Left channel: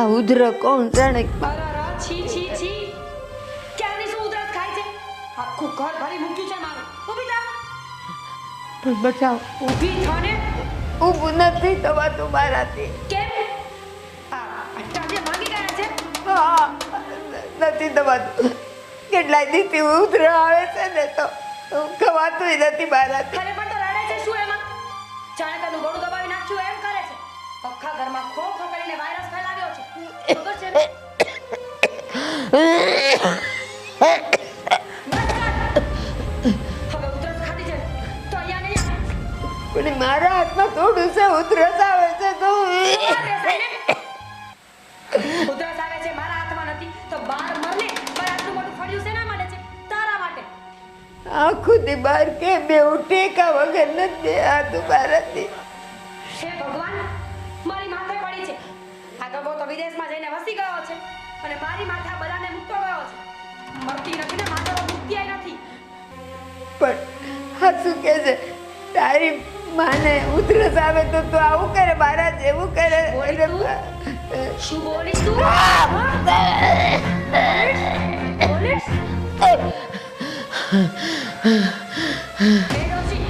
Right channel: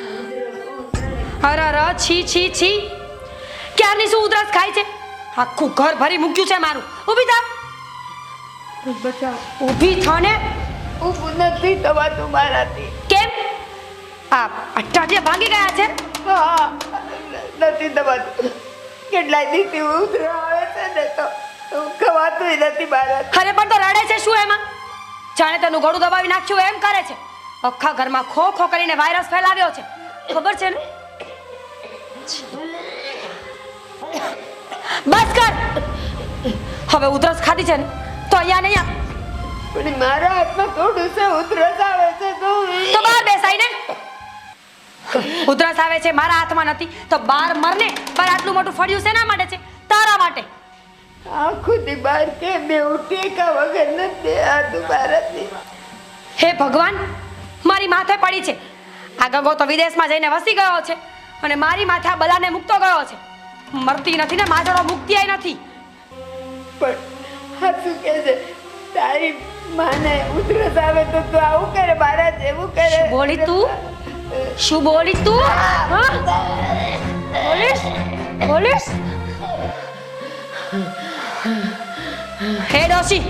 આ ઉધરો કોણ જાણે? અરે છી છી છી, ક્યારની શું ઉધરસ ખાય છે? આખું ઘર ભરી મૂક્યું છે મારું. ઊભી થા, બચાવ. ઊભી થા ને. ઊભું નથી થવાતું મારાથી. કેમ? આ અઠવાડિયા ભાગી ગયા છે? હા, નથી થવાતું. કેટલાય દીથી ઉધરો આવે છે ને તો ખવાતું નથી મારાથી. અરે પણ તો રડે છે શું એમાં? જાણે તેનું ગળું દબાવી નાખ્યું એમ કરે છે. આખા ઘરમાં ખો ખો કરીને વાયરસ ફેલાવ્યો છે, ખબર છે ને? બસ કર. હવે ઉધરસ ખાધી છે ને તો અહીંયા નહીં આવ. પણ મારા હાથમાં થોડું છે ઉધરસ આવે છે તો બહાર બેસાય ને. ઉધરસ આવે છે મારા હાથમાં નથી તો બહાર મરને. પર આટલું મોટું ફળિયું શેના માટે છે? તારા માટે. આખું દી બહાર કેમ બેવું ટેકા વગર નથી આતું મારાથી. હે ભગવાન, મારી માથે પડી છે. આ ગગો તો વિદેશમાં જઈને વસી ગયો છે અને મારી માથે આ બલાને મૂકતો ગયો છે. મરતી નથી ને માજરો મુક્તિ નથી. પણ આ શું કે છે? તારી માને ઉધરસ આવે તો તું આવું કરે, મારા જેવું કરે. બોલી તું? શું બોલીશ તું? બોલીશ? બોલીશ? હે ડોશી,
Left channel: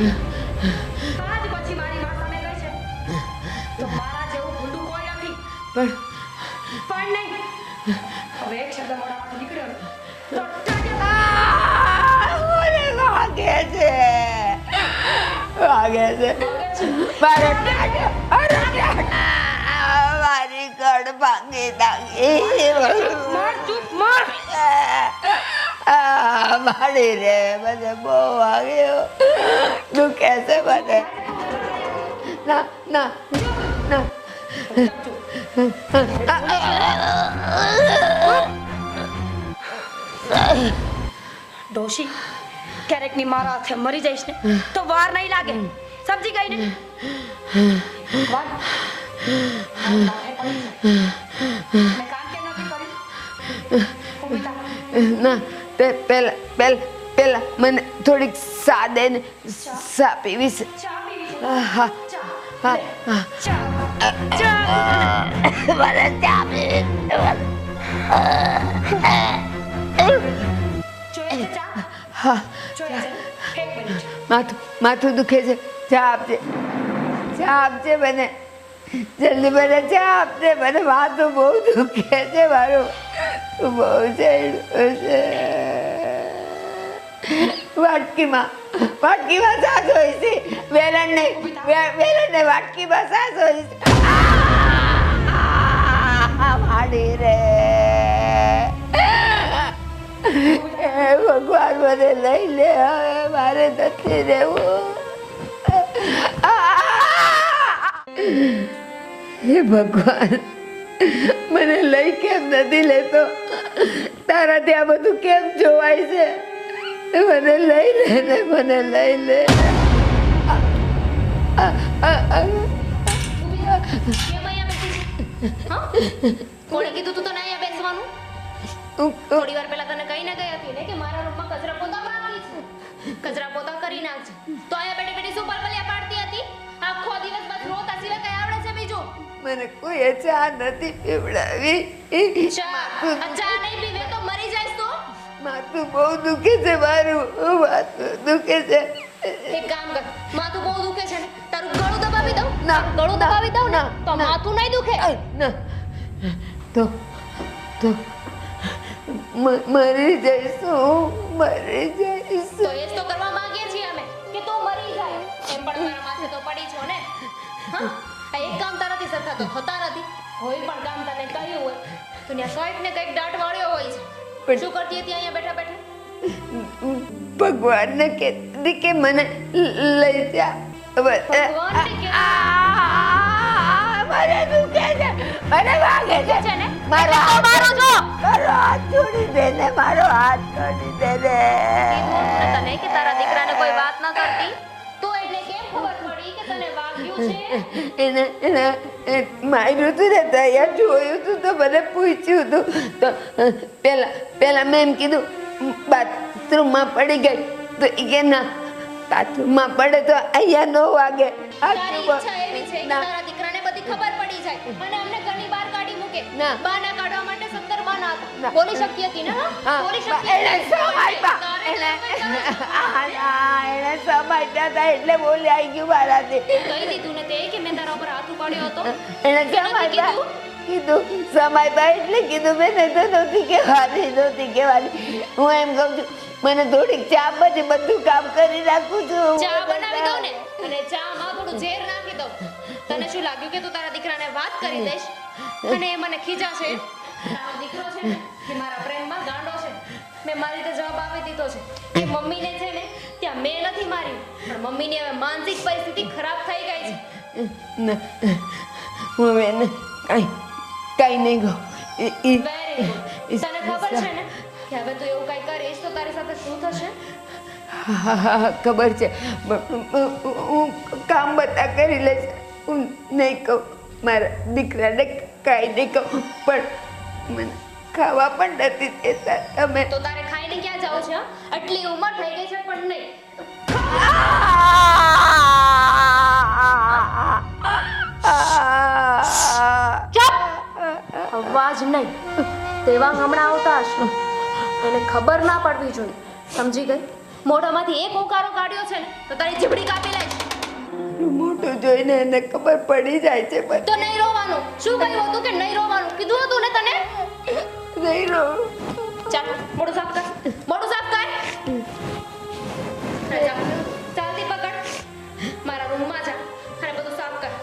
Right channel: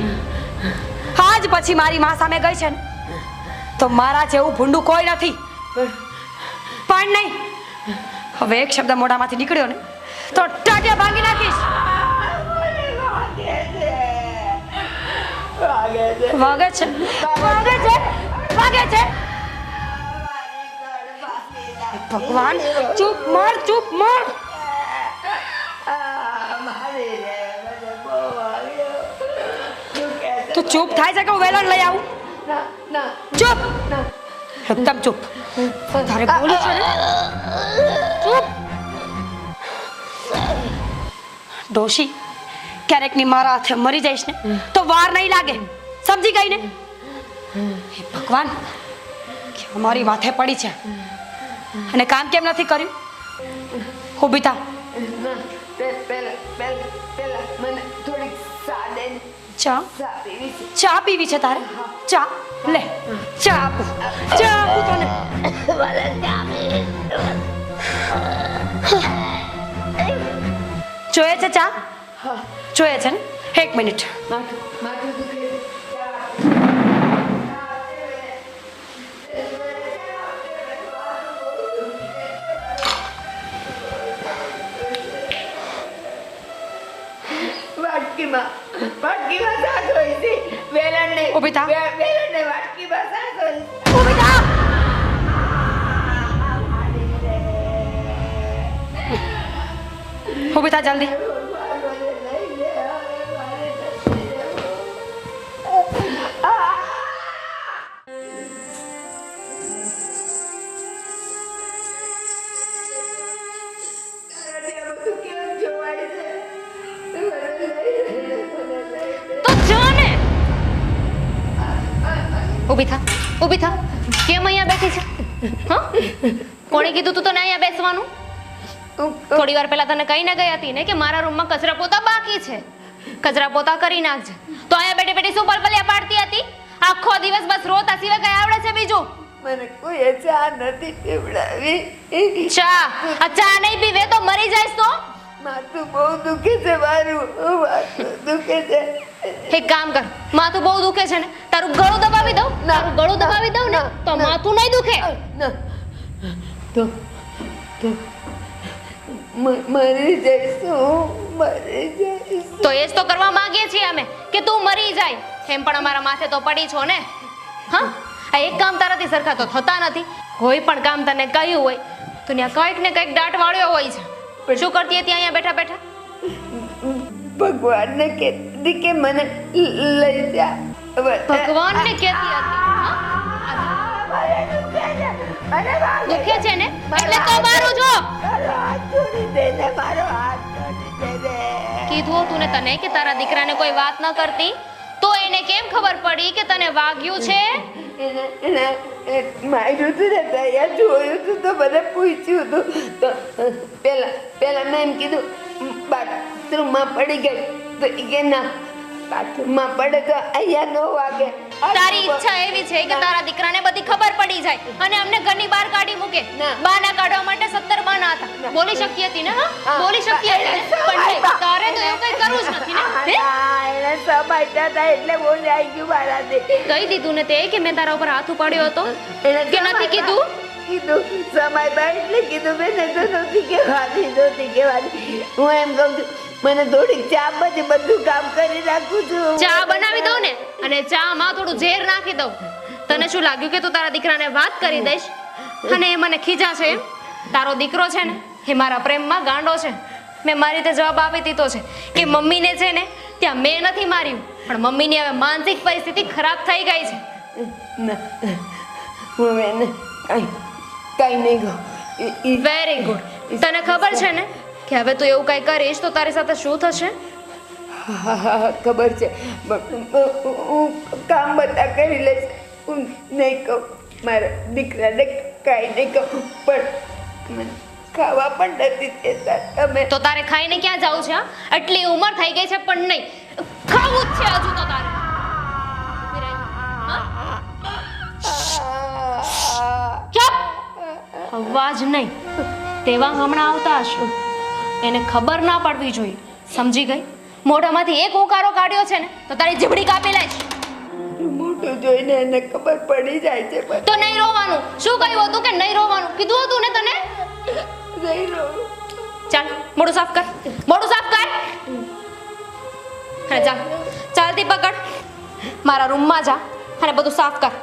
આજ પછી મારી માં સામે ગઈ છે ને તો મારા જેવું ભૂંડું કોઈ નથી. પણ નહીં, હવે એક શબ્દ મોઢામાંથી નીકળ્યો ને તો ટાટિયા ભાંગી નાખીશ. વાગે છે. વાગે છે, વાગે છે, વાગે છે. મારી કડ ભાંગી નાખી. ભગવાન, ચૂપ માર, ચૂપ માર. મારી રે મને બહુ વાગ્યો. દુખે છે. તું ચૂપ થાય છે કે હું વેલણ લઈ આવું? ના ના ચૂપ, ના. એકદમ ચૂપ. તારે બોલું છે ને? ચૂપ. ડોશી, ક્યારેક ની મારા હાથે મરી જઈશ ને તો વાર નહીં લાગે. સમજી ગઈ ને? ભગવાન, મારી માથે પડી છે અને કામ કેમ નથી કર્યું? ઊભી થા. ના, પેલા મને થોડીક સા દે ને. સા પીવી છે. ચા પીવી છે તારે? હા, ચા લે. ચા આપું. ચા આપું તને. મને ચા પીવી. જોઈએ છે ચા? હા, જોઈએ છે ને? એક મિનિટ. માથું દુખે છે. ચા આપજે. ચા આપજે મને. જલ્દી મને ચા આપજે. મને માથું બહુ દુખે છે મારું. બહુ છે. વાટકીમાં સાસ હોય છે. વેલણ નહીં. ઊભી થા. વેલણ ને વાટકીમાં સાસ હોય છે. માડી રે. ઊભી થા જલ્દી. ભગવાન મને લઈ લે. હવે મારે નથી રહેવું. હે ભગવાન, મને લઈ કેમ નથી લેતો? તારાથી આ બધું કેમ જોવાય છે? મને લઈ લે ને, મને લઈ લે. જો ને. ઊભી થા, ઊભી થા. કેમ અહીંયા બેઠી છે? હા, કોણે કીધું તું તને અહીંયા બેસવાનું? થોડી વાર પહેલા તને કહીને ગઈ હતી ને કે મારા રૂમમાં કચરા પોતા બાકી છે, કચરા પોતા કરી નાખજે. તો અહીંયા બેઠી બેઠી શું પલપલિયા પાડતી હતી? આખો દિવસ બસ રોતા સિવાય કઈ આવડે છે બીજું? મને કોઈ ચા નથી પીવડાવી. ચા? આ ચા નહીં પીવે તો મરી જઈશ તો? માથું બહુ દુખે છે મારું. માથું દુખે છે. એક કામ કર, માથું બહુ દુખે છે ને, તારું ગળું દબાવી દઉં? તારું ગળું દબાવી દઉં ને તો માથું નહીં દુખે. ના, તો મરી જઈશું. મરી જઈશ. તો એ જ તો કરવા માંગીએ છીએ અમે કે તું મરી જાય. એમ પણ અમારા માથે તો પડી છો ને. હા, આ એક કામ તારાથી સરખા તો થતા નથી. કોઈ પણ કામ તને કહ્યું હોય તો ત્યાં કંઈક ને કંઈક દાટ વાળ્યો હોય છે. શું કરતી હતી અહીંયા બેઠા બેઠા? ભગવાનને કહેતી કે મને લઈ જા. ભગવાનને કહેતી મને દુખે છે. મને વાગે દુખે છે ને એટલે તો મારો છો. મારો હાથ છોડી દે ને. મારો હાથ છોડી દે ને. કીધું તું ને તને કે તારા દીકરાને કોઈ વાત ન કરતી તો એને કેમ ખબર પડી કે તને વાગ્યું છે? એને માર્યું હતું ને ત્યાં જોયું હતું તો મને પૂછ્યું હતું તો પેલા મેં એમ કીધું બાથરૂમમાં પડી ગઈ તો એ કે ના બાથરૂમમાં પડે તો અહીંયા ન વાગે. તારી ઈચ્છા એવી છે કે તારા દીકરાને બધી ખબર પડી જાય અને અમને ઘરની બહાર કાઢી મૂકે. ના. બાના કાઢવા માટે 17 બાના હતા. ના. બોલી શકતી હતી ને? હા, બોલી શકતી હતી. પણ તારે તો એવું કંઈ કરવું જ નથી ને. હે? એને સમજતા હતા એટલે બોલી આવી ગયું મારાથી. કહી દીધું ને તે કે મેં તારા ઉપર હાથ ઉપાડ્યો હતો એને કે નથી કીધું? કીધું સમજતા એટલે કીધું મેં નહીં તો નહોતી કહેવાની. હું એમ કહું છું મને થોડીક ચા પછી બધું કામ કરી રાખું છું. ચા બનાવી દઉં ને અને ચામાં થોડું ઝેર નાખી દઉં. તને શું લાગ્યું કે તું તારા દીકરાને વાત કરી દઈશ અને એ મને ખીજાશે એમ? તારો દીકરો છે ને એ મારા પ્રેમમાં ગાંડો છે. મેં મારી રીતે જવાબ આપી દીધો છે કે મમ્મીને છે ને ત્યાં મેં નથી માર્યું, પણ મમ્મીની હવે માનસિક પરિસ્થિતિ ખરાબ થઈ ગઈ છે. ના હું હવે એને કાંઈ નહીં કહું. Very good. તને ખબર છે ને કે હવે તું એવું કઈ કરીશ તો તારી સાથે શું થશે? ખબર છે હું કામ બધા કરી લઈશ. હું નહીં કહું મારા દીકરાને કાંઈ નહીં કહું, પણ મને ખાવા પણ નથી દેતા તમે. તો તારે ખાઈને ક્યાં જાવું છે? હા? આટલી ઉંમર થઈ ગઈ છે પણ નહીં ખાવું છે હજુ તો. ચૂપ! અવાજ નહીં. તેવા હમણાં આવતા હશે. એને ખબર ના પડવી જોઈએ. સમજી ગઈ? મોઢામાંથી એક ઉકારો કાઢ્યો છે ને તો તારી જીભડી કાપી લઈશ. મોટું જોઈને એને ખબર પડી જાય છે પણ તો નહીં રોવાનું. શું કહ્યું હતું કે નહીં રોવાનું? કીધું હતું ને તને? નહીં રહું. ચાલ મોઢું સાફ કર. મોઢું સાફ કર. હા ચાલ. ચાલતી પકડ. મારા રૂમમાં જા અને બધું સાફ કર.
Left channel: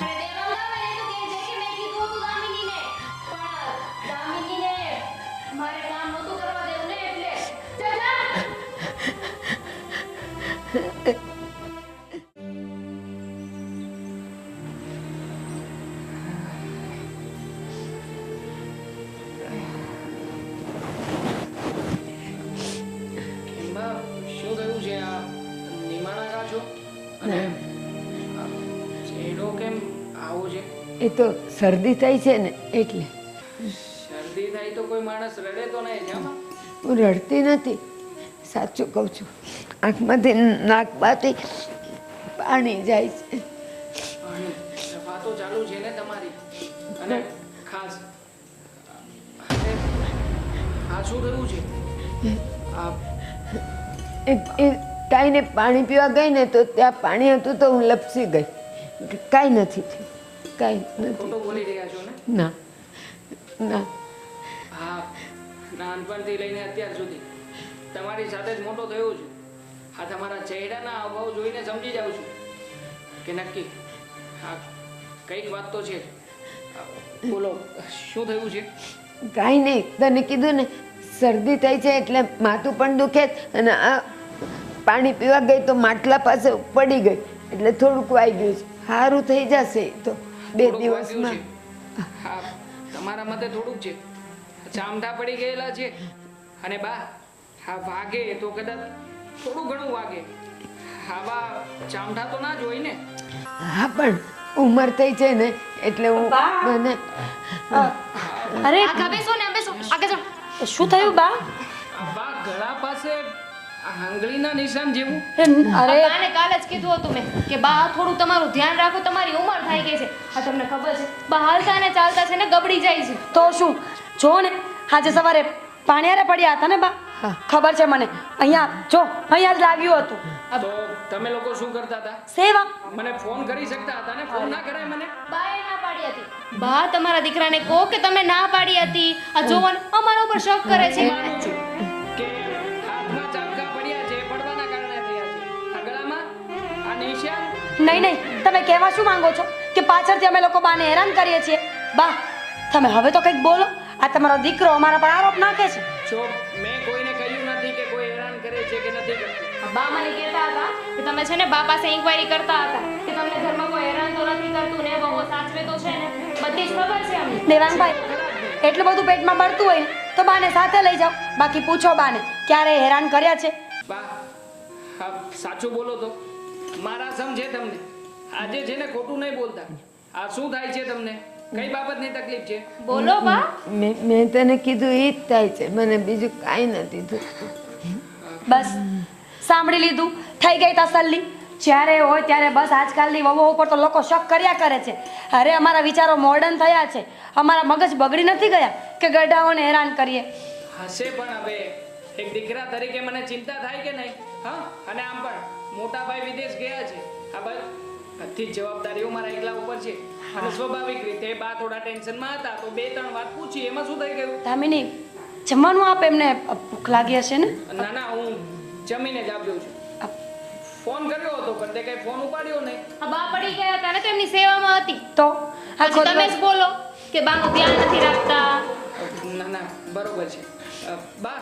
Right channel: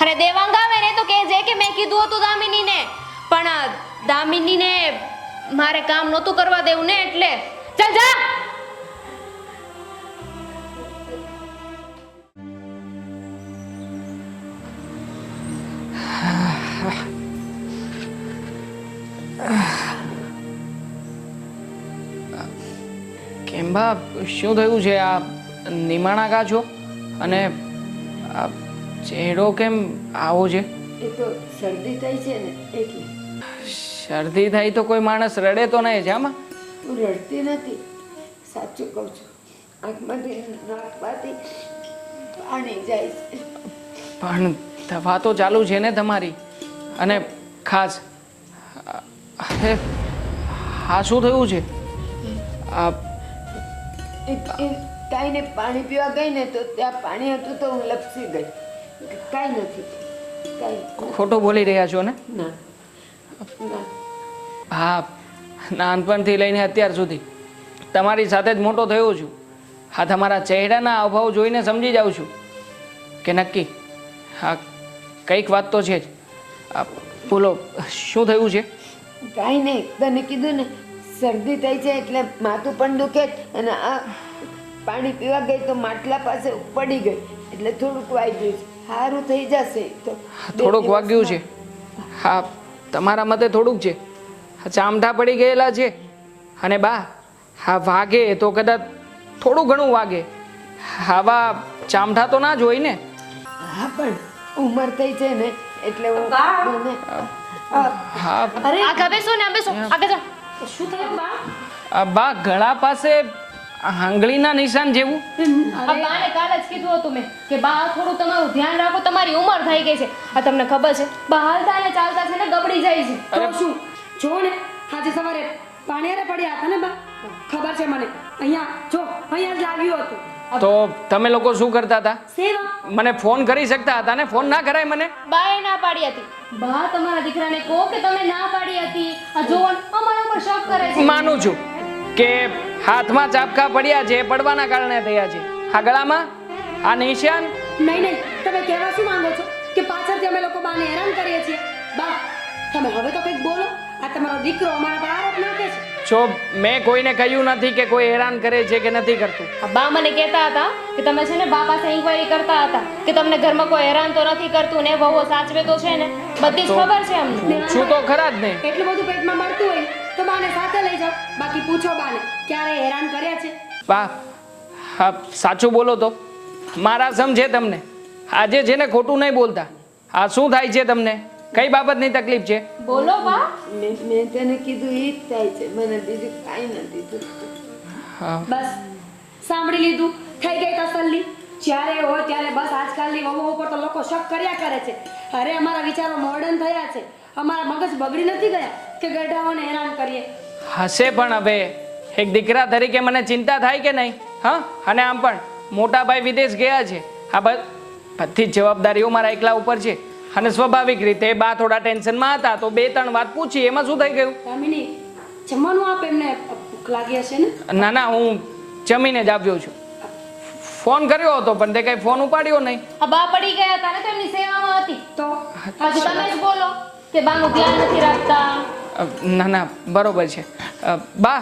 અરે દેવાંગ આવે ને તો કહેજે કે મેં કીધું હતું દામિનીને, પણ દામિનીને મારે કામ નહોતું કરવા દેવું ને એટલે. ચાલ જા. કેમ બા શું થયું છે? આ નિમાણા કા છો અને આ ચહેરો કેમ આવો છે? એ તો શરદી થઈ છે ને એટલે. શરદી થાય તો કોઈ માણસ રડે તો નહીં છે આમાં? હું રડતી નથી, સાચું કહું છું. આંખમાંથી નાકમાંથી પાણી જાય છે. પણ દવા તો ચાલુ છે ને તમારી? અને ખાસ અરે હા શું થયું છે? આ કાંઈ ને પાણી પીવા ગઈ ને તો ત્યાં પાણી હતું તો હું લપસી ગઈ. કાંઈ નથી, કાંઈ ખોટું બોલી રહ્યા છો ને? ના ના. હા, નાનપણથી લઈને અત્યાર સુધી તમારી સાથે જ મોટો થયો છું. હા, તમારા ચહેરાના અભાવ જોઈને સમજી જાઉં છું કે નક્કી હા કંઈક વાત તો છે જ. બોલો શું થયું છે? કાંઈ નહીં, તને કીધું ને શરદી થઈ છે એટલે માથું પણ દુખે અને આ પાણી પીવા ગઈ તો માટલા પાસે પડી ગઈ એટલે થોડુંક વાગ્યું છે. સારું થઈ જશે તો. થોડુંક વાગ્યું છે? હા, તમારા મતે થોડુંક છે. ચામઠા પડી ગયેલા છે અને બા હા વાગે તો કદાચ થોડું ઘણું વાગે. આવા ચામઠા તો ના જ હોય ને? હા પણ ઉંમર થઈ છે ને એટલે હું મને હા અરે આગળ બેસો ને બેસો. આગળ જાઓ. શું થયું બા? બા ગળા પાસે આંગળીના નિશાન જેવું. બાને કાલે જ કીધું હતું મેં કે બા થોડું તમારું ધ્યાન રાખો, તમારી ઉંમર થઈ ગઈ છે. આ તમને ખબર છે બા હાલતા ને ચાલતા છે ને ગબડી જાય છે. તો શું જો ને આજે સવારે પાણીયારે પડ્યા હતા ને બા, ખબર છે મને. અહીંયા જો અહીંયા જ લાગ્યું હતું. તો તમે લોકો શું કરતા હતા? સેવા. મને ફોન કરી શકતા હતા ને? ફોન ના કરાય મને? બાએ ના પાડી હતી. બા તમારા દીકરાને કહો કે તમે ના પાડી હતી. આ જોવો ને, અમારા ઉપર શક કરે છે. માનું છું કે હાથમાં ચાપકા પડ્યા છે, પડવાના કારણે થયા છે. આ ગળામાં આ નિશાન. નહીં નહીં, તમે કહેવા શું માંગો છો કે પાછળથી અમે લોકો બાને હેરાન કરીએ છીએ? બા તમે હવે તો કંઈક બોલો. આ તમારો દીકરો અમારા પર આરોપ નાખે છે. જો મેં કોઈને કહ્યું નથી કે કોઈ હેરાન કરે છે કે નથી કરતું. આ બા મને કહેતા હતા કે તમે છે ને બા પાસે ઇન્ક્વાયરી કરતા હતા કે તમને ઘરમાં કોઈ હેરાન તો નથી કરતું ને, વહુ સાચવે તો છે ને, બધી જ ખબર છે અમને. શું તો દેવાંગભાઈ, ખરા જ ને? એટલું બધું પેટમાં બળતું હોય તો બાને સાથે લઈ જાઓ. બાકી પૂછો બાને ક્યારે હેરાન કર્યા છે? બા હા સાચું બોલો તો મારા સમજે તમને. આજે છે ને ખોટું નહીં બોલતા. આ શું થાય છે તમને? કઈ બાબતની તકલીફ છે? બોલો બા. મેં તને કીધું એ જ થાય છે, મને બીજું કાંઈ નથી થતું. હા બસ સાંભળી લીધું, થઈ ગઈ તસલ્લી. જ્યારે હોય ત્યારે બસ આજકાલની વહુઓ ઉપર તો લોકો શક કર્યા કરે છે. અરે અમારા વિચારો મોડર્ન થયા છે, અમારા મગજ બગડી નથી ગયા કે ગઢાઓને હેરાન કરીએ. હશે પણ હવે એક દીકરા તરીકે મને ચિંતા થાય કે નહીં? હા, અને આમ પણ મોટા ભાઈ વિદેશ ગયા છે. આ બધી જ જવાબદારીઓ મારા એકલા ઉપર છે અને સ્વાભાવિક રીતે બા થોડા ટેન્શનમાં હતા તો 2-3 વાત પૂછી, એમાં શું થઈ ગયું? દામિની, જમવાનું આપ, એમને ભૂખ લાગી હશે ને? ના ના, હું જમીને જ આવ્યો છું. ફોન કર્યો હતો પણ તે કઈ ફોન ઉપાડ્યો નહીં. આ બા પડી ગયા હતા ને તો એમની સેવામાં હતી. તો પછી તમે જ બોલો કે બાનું ધ્યાન નથી રાખતા. ના ના, બરોબર છે. બા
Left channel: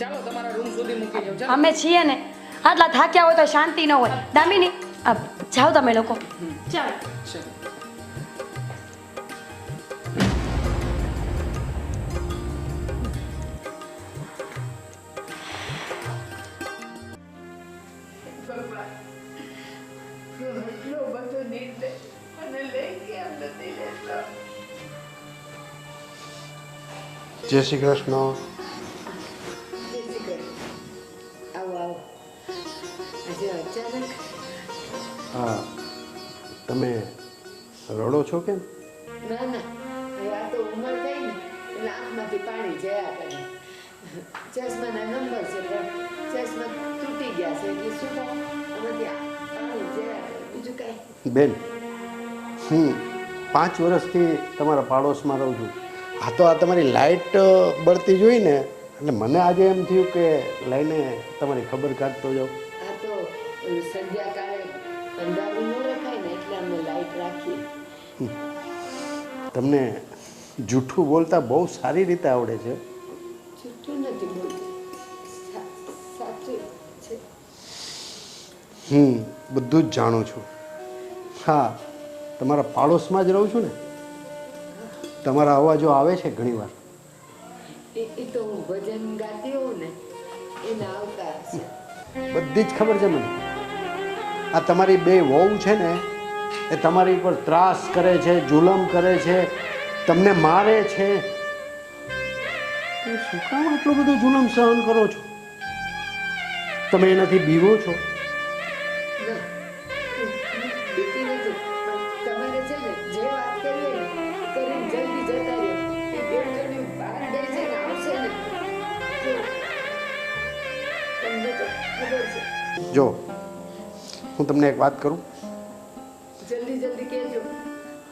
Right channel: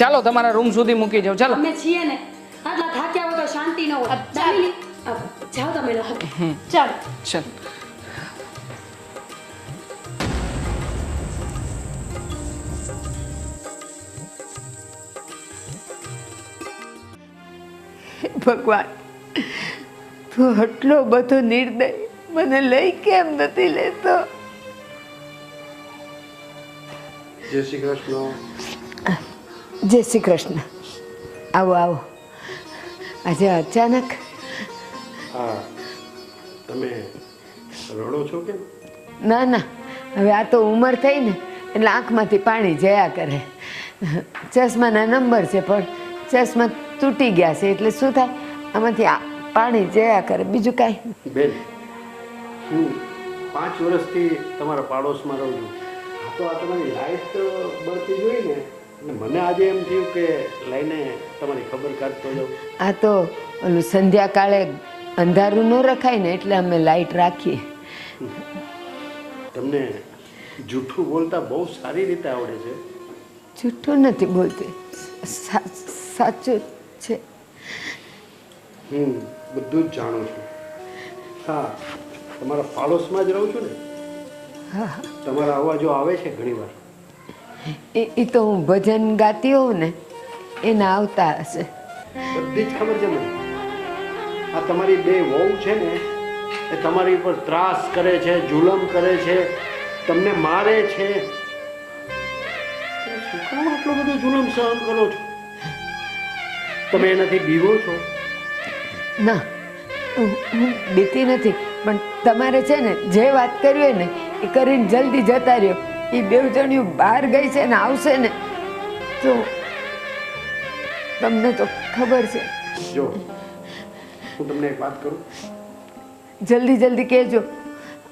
ચાલો તમારા રૂમ સુધી મૂકી જાઉં. ચાલો. અમે છીએ ને, આટલા થાક્યા હોય તો શાંતિ ન હોય. દામિની, જાઓ તમે લોકો. ચાલ. ચાલ. ભગવાન, તું આટલો બધો નિર્દય મને લઈ કેમ નથી લેતો? જય શ્રી કૃષ્ણ. જય શ્રી કૃષ્ણ. આવો આવો. આજે અચાનક? હા, તમે રડો છો કેમ? ના ના, હવે આ તો ઉંમર થઈ ને એટલે આંખમાંથી પાણી જયા કરે. ચશ્માના નંબર છે પણ ચશ્મા તૂટી ગયા છે એટલે શું થાય, આમાંથી પાણી જયા કરે, બીજું કાંઈ. બેન, હું 5 વર્ષથી તમારા પાડોશમાં રહું છું. આ તો આ તમારી લાઇટ બળતી જોઈને એટલે મને આજે એમ થયું કે લઈને તમારી ખબર કાઢતો જાઉં. આ તો ઓલું સંધ્યાકાળે અંધારું ન રખાય ને એટલે અમે લાઈટ રાખીએ. તમને જૂઠું બોલતા બહુ સારી રીતે આવડે છે. જૂઠું નથી બોલતી, સાચું છે. હું બધું જ જાણું છું. હા, તમારા પાડોશમાં જ રહું છું ને. હા, તમારા અવાજો આવે છે ઘણીવાર. એ તો હું ભજન ગાતી હોઉં ને એના આવતા હશે. બધી જ ખબર છે મને. આ તમારી 2 વહુ છે ને એ તમારી ઉપર ત્રાસ કરે છે, જુલમ કરે છે, તમને મારે છે. શું કામ આટલો બધો જુલમ સહન કરો છો? તમે એનાથી બીવો છો? ના, હું બીતી નથી, પણ તમારે છે ને જે વાત કરવી હોય ને એ કરીને જલ્દી જતા રહ્યો. એ 2 જણિયું બહાર ગઈ છે ને આવશે ને તો તમને તો ખબર છે. જો હું તમને એક વાત કરું. જલ્દી જલ્દી કહેજો,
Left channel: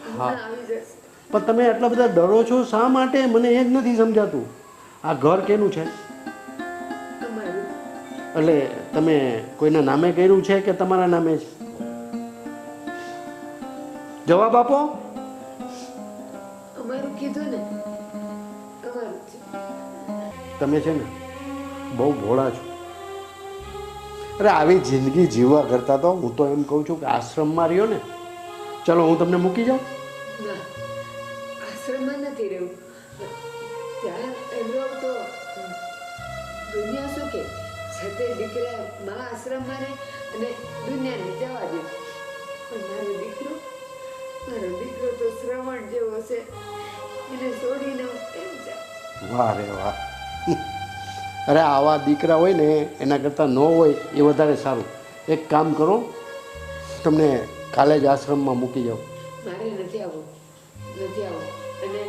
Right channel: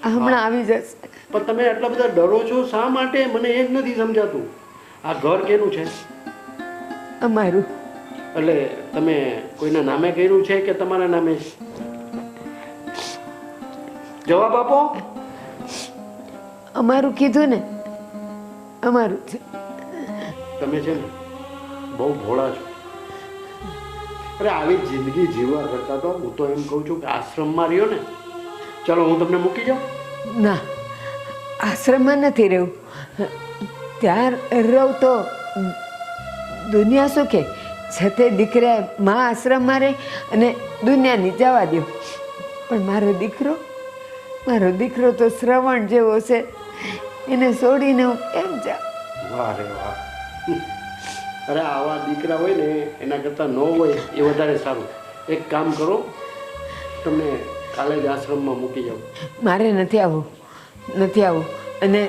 હમણાં આવી જશે. પણ તમે આટલા બધા ડરો છો શા માટે? મને એ જ નથી સમજાતું. આ ઘર કેનું છે? અમારું. એટલે તમે કોઈના નામે કર્યું છે કે તમારા નામે? જવાબ આપો. અમારું કીધું ને, અમારું છે. તમે છે ને બહુ ભોળા છો. અરે આવી જિંદગી જીવવા કરતા તો હું તો એમ કહું છું કે આશ્રમમાં રહ્યો ને. ચલો હું તમને મૂકી જાઉં. ના, આશ્રમમાં નથી રહેવું. ત્યાં રહું તો દુનિયા શું કે છતે દીકરા મા આશ્રમમાં રહે અને દુનિયાની જવા દો. પણ મારો દીકરો તો શ્રવણ જેવો છે, એને છોડીને હું કેમ જાઉં? વાહ રે વાહ. અરે આવા દીકરા હોય ને એના કરતાં ન હોય એ વધારે સારું. એક કામ કરો, તમને કાલે જ આશ્રમમાં મૂકી જાઉં. મારે નથી આવવું. અને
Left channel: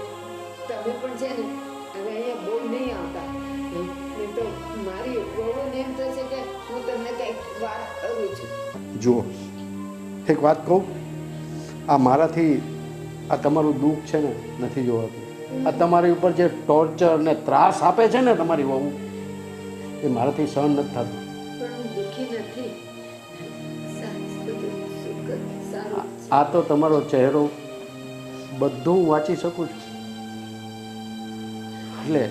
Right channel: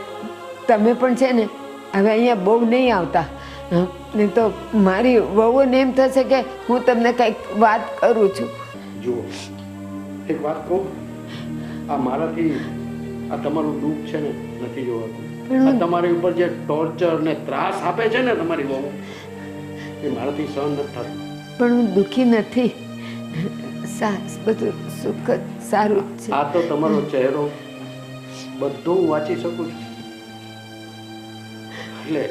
તમે પણ છે ને હવે અહીંયા બહુ નહીં આવતા, નહીં તો મારી વહુને એમ થશે કે હું તમને કંઈક વાત કરું છું. જુઓ, એક વાત કહું, આ મારાથી આ તમારું દુઃખ છે ને નથી જોવાતું. આ તમારી ઉપર જે ટોર્ચર ને ત્રાસ આપે છે ને તમારી વહુ, એ મારાથી સહન નથી થતું. પણ હું દુઃખી નથી, બધું સુખ જ સારું જ છે. આ તો તમારો ચહેરો બધું હું વાંચી શકું છું. એટલે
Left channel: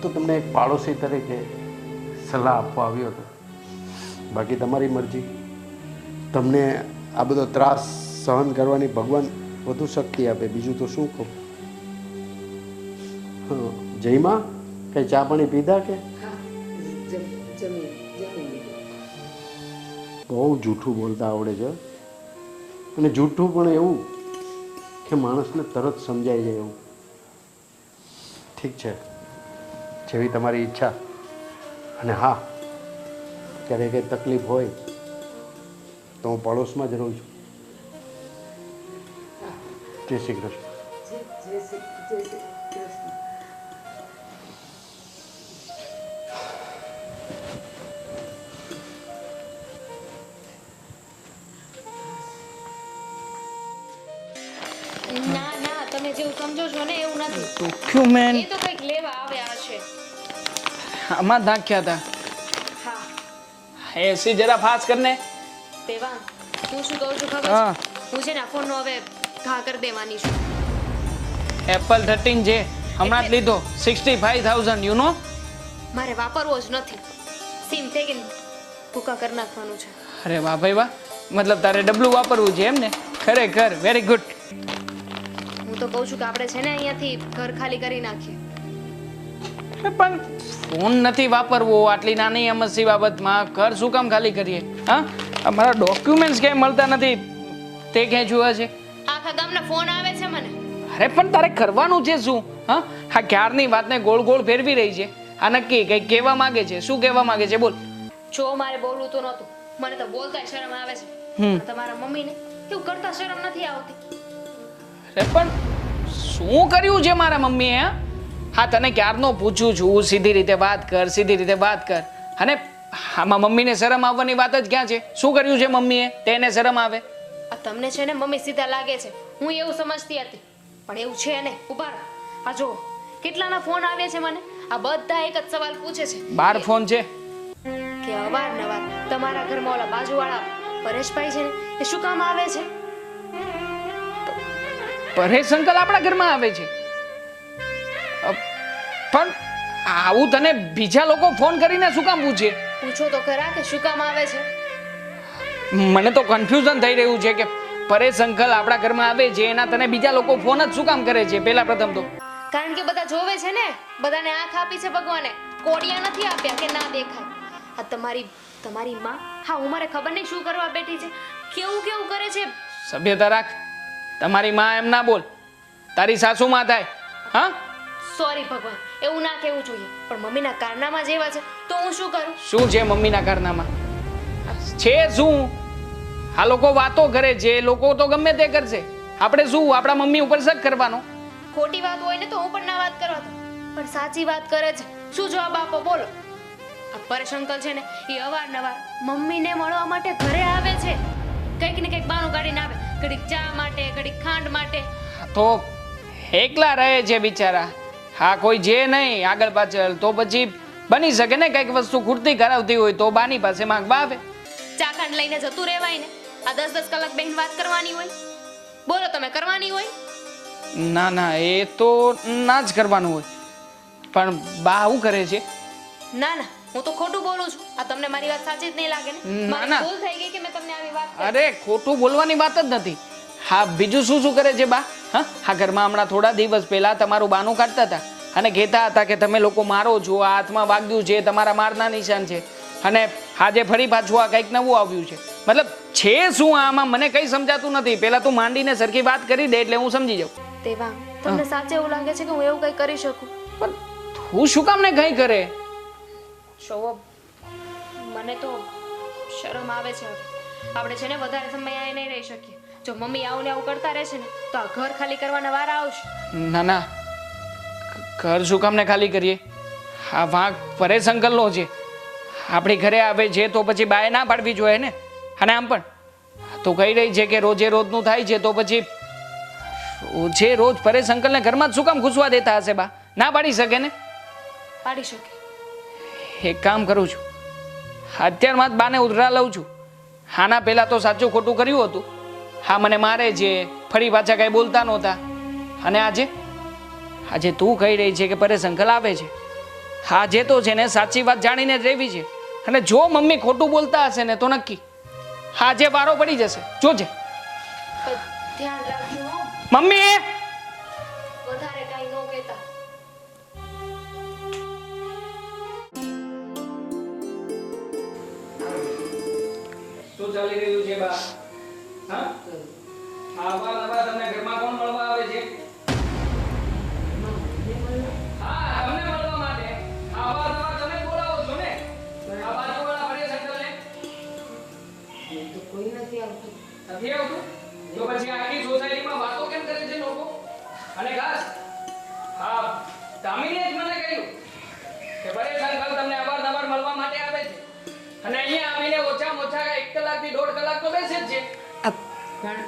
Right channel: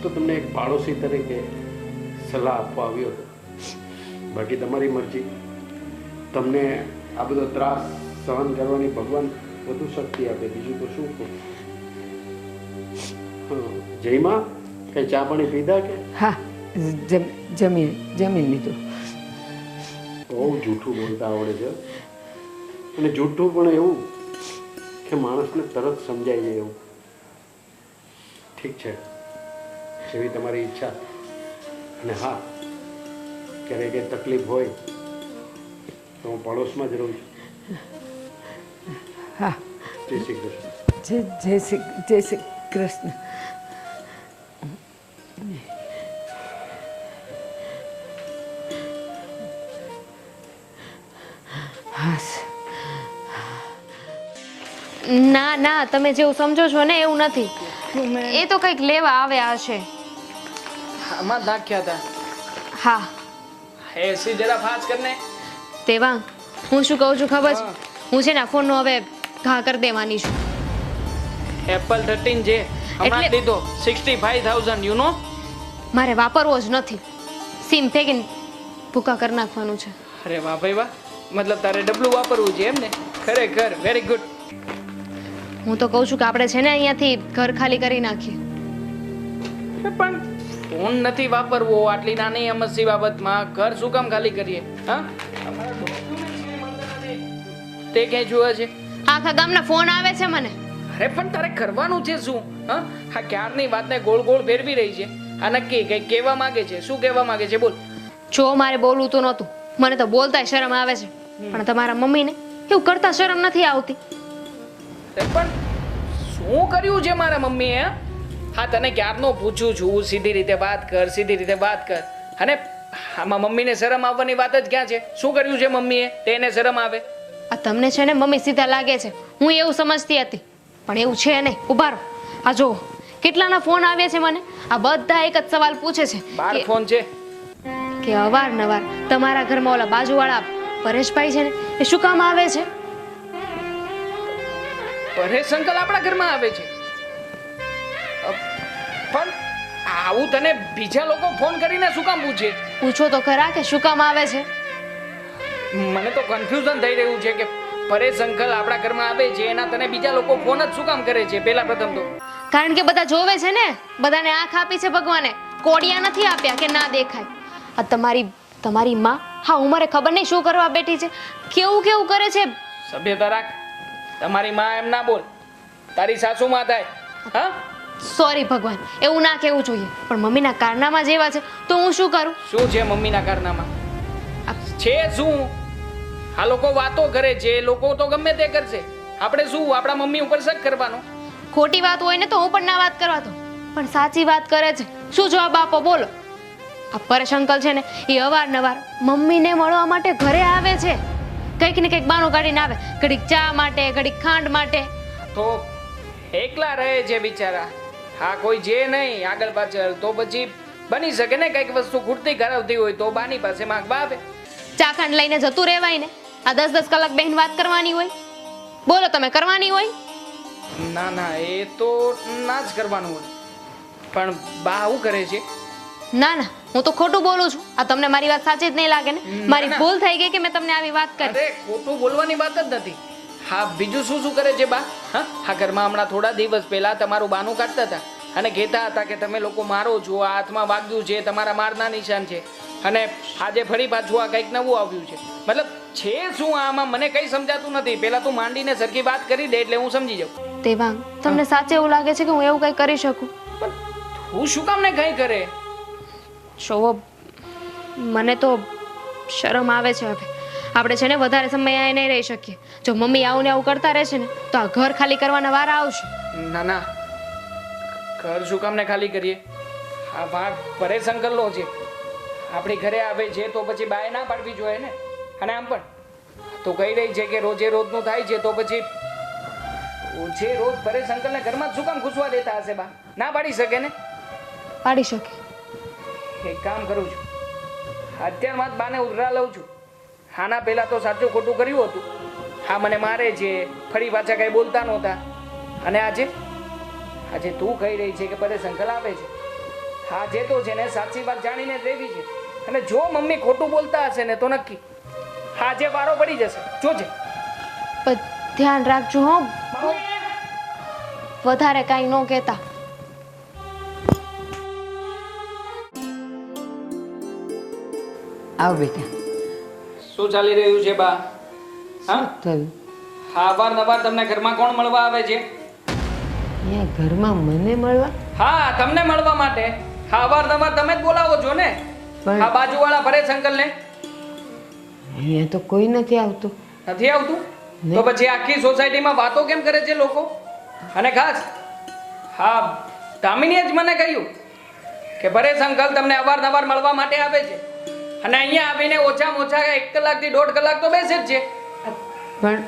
તો તમને એક પાડોશી તરીકે સલાહ આપવા આવ્યો હતો. બાકી તમારી મરજી. તમને આ બધો ત્રાસ સહન કરવાની ભગવાન વધુ શક્તિ આપે, બીજું તો શું કહું. જયમાં કઈ ચા પાણી પીધા કે? હા, જમી લીધું. બહુ જૂઠું બોલતા આવડે છે. અને જૂઠું પણ એવું કે માણસને તરત સમજાઈ જાય એવું. ઠીક છે, જેવી તમારી ઈચ્છા. અને હા, ક્યારેય કંઈ તકલીફ હોય તો હું પડોશમાં જ રહું છું. હા જય શ્રી કૃષ્ણ. જય શ્રી કૃષ્ણ. ના ના, તમે જેવું સમજો છો ને એવું નથી. ડોક્યુમેન્ટ એ તો કંઈક લેવા આવ્યા હશે. આમાં નાખ્યા હતા. હા, એસી જરા ફાસ કરને. તેવા હું શું કહું છું ખબર હા. છે? હું છે ને આ ફોનનો હવે ઘા કરી દેવાની છું. એપલ 13 છે હમણાં જ એટલે- લીધો 65,000 યુ નો. મારે વાપરવો જ નથી. સિમ ફેંકીને ભૂકા કરી નાખવાનું છે. અરે વાહ ભાઈ વાહ, મતલબ તારે ડબલું વાપરવું છે એમ ને? ખરેખર વેરી ગુડ. હું તો કહું છું કે આપણે છે ને અહીંયાથી ઘર ખાલી કરી નાખીએ. પણ ફોન નથી વાપરવો આટલી નાની અમસ્તી બાબતમાં. ઘર શું કામ ખાલી કરીએ? હા, અમારા ડોક્યુમેન્ટ્સ ક્યાંય મળતા નથી તે ક્યાંય જોયા છે? આખા ગામના ફોન આવે છે મને. અરે પણ તારે કરવાનું છે શું? હા, આ ક્યારની વાતને ગોળ ગોળ ફેરવી રહી છે. આ નક્કી કંઈક કહેવા માંગે છે. શું કહેવા માંગે છે? બોલ. જો મારે બોલવું તો નહોતું, મને તો બોલતાય શરમ આવે છે. પણ તમારા મમ્મીને એવું કરતા શરમ નથી આવતી. અરે પણ શું કર્યું છે મારા મમ્મીએ? હા, તને ક્યારનો પૂછું છું સીધી રીતે વાત કર, સીધી રીતે વાત કર. અને આમાં મમ્મીને શરમ આવવાની વાત જ ક્યાં છે? શું કર્યું છે મમ્મીએ તેને શરમ આવે? આ તમને છે ને મમ્મી સીધા લાગે છે, હું એવું સમજતી હતી, પણ એવું છે નહીં. ઉભા રહો, આ જુઓ કેટલાના ફોન આવે છે મને. આ બધા એક જ સવાલ પૂછે છે 12 ફોન છે. કે અવારનવાર તમારા ઘરમાં ઓલા બાજુવાળા પરેશભાઈ છે ને એ શું કામ આવે છે? પરેશ અંકલ આપણા ઘરમાં આવે છે? પણ આવું તને બીજા લોકો ફોન કરીને શું કામ પૂછે? પૂછો તો ખરા કે શું કામ આવે છે. મને તો કન્ફ્યુઝન થઈ રહ્યું છે કે પરેશ અંકલ આપણા ઘરમાં આવે છે એના તને બીજા લોકો ફોન જ શું કામ કરે છે? પહેલા પ્રથમ તો કારણ કે બધા જોવે છે ને, બધાને આંખ આપી છે ભગવાને, કોડિયા નથી આપ્યા કે ના દેખાય. આ તમારી માં હા ઉંમરે ખબર નહીં શું કરવા બેઠી છે, કેવું કેવું કરે છે. સભ્યતા રાખ. તમારી માં એમ ના બોલ, તારી સાસુ માં થાય. હા, સોરી ભગવાન, એવું ના કહેવું જોઈએ, પણ મમ્મીના કારનામાં જેવા છે તો હું શું કરું? શું છે મમ્મીના કારનામાં? છે શું? આ લોકો વાતો કરે છે, લોકો તો ગમે તે કરશે. આપણે શું આપણા મમ્મી ઉપર શક કરવાનો? ખોટી વાત હોય ને તો હું પણ ના વાત કરવા દઉં, પણ સાચી વાત કરે છે. શું જવાબ આપો બોલો? આ પરેશ અંકલ છે ને એ અવારનવાર મમ્મીને મળવા માટે ઘરે આવે છે. કંઈક ને કંઈક બાનું કાઢીને આવે, ઘડીક ચા માટે, ઘડીક ખાંડ માટે. તો એકલા રહે છે બિચારા. હા, કોઈ જે નહીં આગળ પાછળ, તો પછી બની શકે ને કંઈક વસ્તુ ખૂટતી કરાવતી હોય તો બાની પાસે માંગવા આવે. ચા ખાંડ લઈને જતું રહેવાય ને. આ 10-10 કલાક બહેન વાત કરવાની હોય? બોલો, તમે કરવાની હોય? ના ના, એ તો ના જ કરવાનું હોય. પણ બા આવું કરે છે? ના ના, હું તો ખોટું બોલું છું. આ તમને મારી વાત સાચી જ નહીં લાગે ને? મારી ના. ભૂલ થઈ ગઈ કે મેં તમને આવી વાત કરી. અરે ખોટું બોલવાની વાત જ નથી. હા, બીજું શું શું કરે છે બા? હા, આ ઘરમાં હમણાં થોડા દિવસ પહેલા તમારું બાનું કાઢતા હતા અને કહેતા હતા કે તમે લોકો મારો છો, આ હાથમાં વાગ્યું છે, તમારા મારના નિશાન છે. અને આજે ફરી પાછું આ કંઈક નવું આવ્યું છે. મતલબ છે શું આમાં? મને કંઈ સમજાતું નથી. પહેલા તું માંડીને સરખી વાત કરી દે એટલે હું સમજી જાઉં. દેવાંગ, તમને સાચે એવું લાગે છે કે હું એવું કંઈ કરી શકું? પણ તું શું કામ ને કંઈ કરે? જોવો, મને તો શરમ આવે છે. હવે આપણે છે ને વધારે સમય અહીં નહીં રહી શકીએ. જો મમ્મી આવું ને આવું કરતા રહેશે ને તો આ ઘર ખાલી કરવાના વારા આવશે. ના ના, ઘર શું કામ ને ખાલી કરીએ? આ વાંક પરેશ અંકલનો છે. આપણી ઘરે આવે છે તો પછી બાએ ના પાડવી જોઈએ ને. અને આમ પણ તું કહી રહી છે કે રોજે રોજનું થાય છે તો પછી રોજે રોજ પરેશ અંકલને ઘરમાં જ શું કામ ઘૂસવા દેતા હશે બા? ના પાડી શકે ને? પાડી શકે. એક કામ કરું છું, અત્યારમાં જ બાને ઉધરા લઉં છું. હાના પહેલાં તો સાચું ખોટું કર્યું હતું. હા, મને મારે છે, ફરી પાછા કાંઈ બોલતા નહોતા. અને આજે તું કહી રહી છે કે પરેશ અંકલ આવે છે. આજે તો છે ને સાચી વાત જાણીને જ રહેવી છે. અને જો મમ્મી ખોટું બોલતા હશે ને તો નક્કી આજે વારો પડી જશે. જોજે. પણ ધ્યાન રાખજો હો, મમ્મી વધારે કાંઈ ન કહેતા. આવ બેટા. શું ચાલી રહ્યું છે બા? હા, ચાલ. હા, અવારનવાર તમને ઘરમાં કોણ મળવા આવે છે? એ ઘરમાં મને મળવા? હા, તમને મળવા માટે. હા, અવારનવાર તમે જ બોલાવો છો ને. આ બાજુવાળા પરેશ અંકલને અહીંયા તો કોઈ નથી આવતું. નથી આવતું તો પછી આખી સોસાયટીમાં વાતો કેમ કરે છે લોકો? અને ખાસ હા દામિનીએ જ મને કહ્યું કે પરેશ અંકલ તમને અવારનવાર મળવા માટે આવે છે અને અહીંયા આવીને ઓછામાં ઓછા 1 કલાકથી 1.5 કલાક તો બેસે જ છે. પણ